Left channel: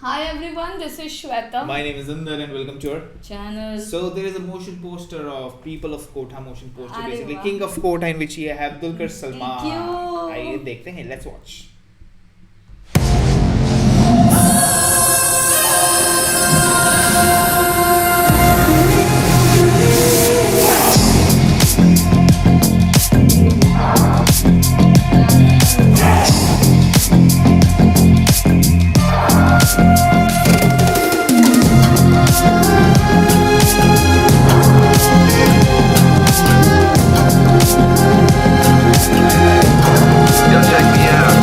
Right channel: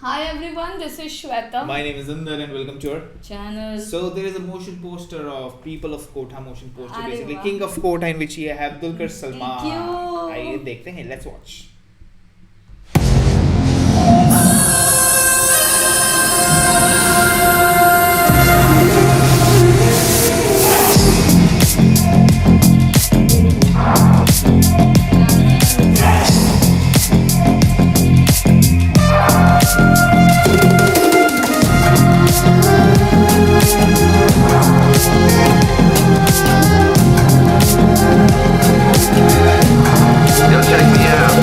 Hi everyone, this is Shweta. My name is Inder and welcome to our channel. So there is a motion poster of People of Kotha motion poster, अरे basically वाह. King of Kotha, in which we have Dulquer Salmaan. क्यों? आइए देखते हैं, let's watch. Yo, check me out.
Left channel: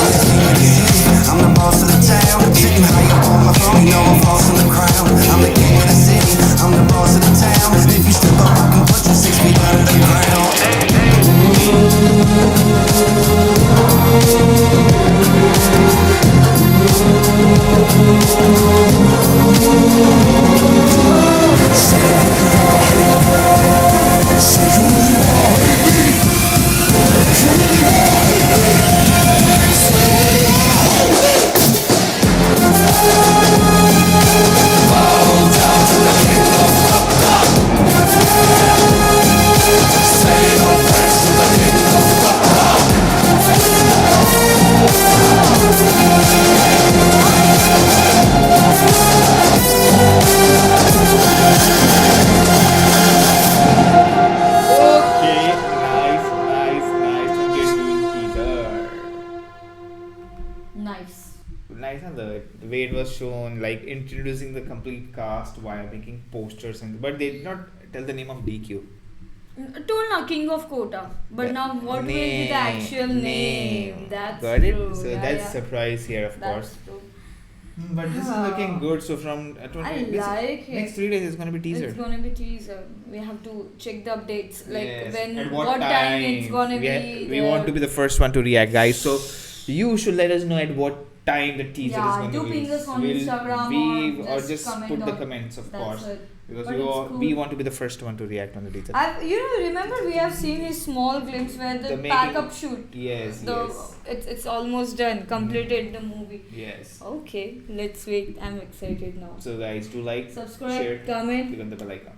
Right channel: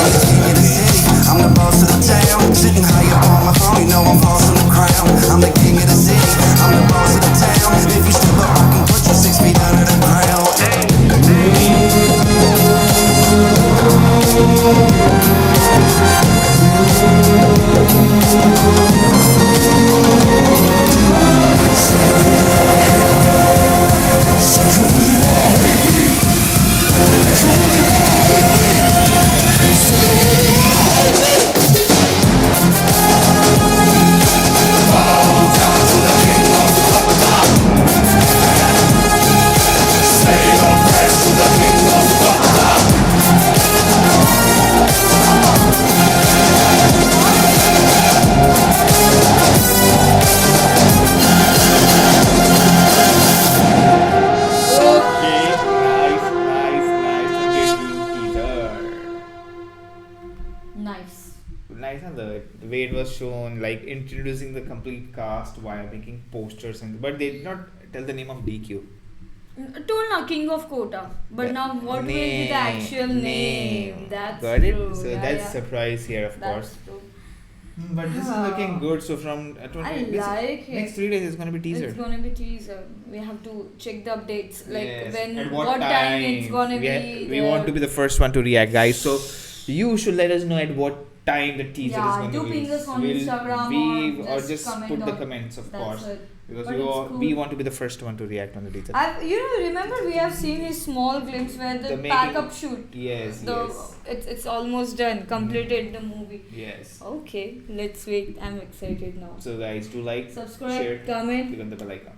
I'm the king of the city, I'm the boss of the town. Sitting high up on my throne, you know I'm bossing the crown. I'm the king of the city, I'm the boss of the town. If you step up, I can put you 6 feet under the ground. Okay, nice. Teaser. Nice. Nice, and the way it was shown, like introducing the complete cast while making posters, but they did not tell the name of DQ. Told now King of Kotha, but now what will be the actual name? That's Got it? true. So Yeah, that's yeah. surprise here, of That's course. true. But this is looking good. So from I like it. next 3 days it's gonna be teaser. It's gonna be teaser. We have to check the updates, like Yes. when, At what time it's gonna we be. we want to be the first one to react, guys. So you should let us know at what time the teaser is Yeah, going do to be. ping us on Instagram or just comment put the on- comments, of That's course, it. because But we it's we cool. want to be the first one to react on the teaser. Remember we have seen his small glimpse where the The making- pack-up shoot. Yes, The it's almost done, completed the movie. yes. Okay, let's wait. I'm excited now. So guys, do like, Subscribe, share, comment. click on the bell icon.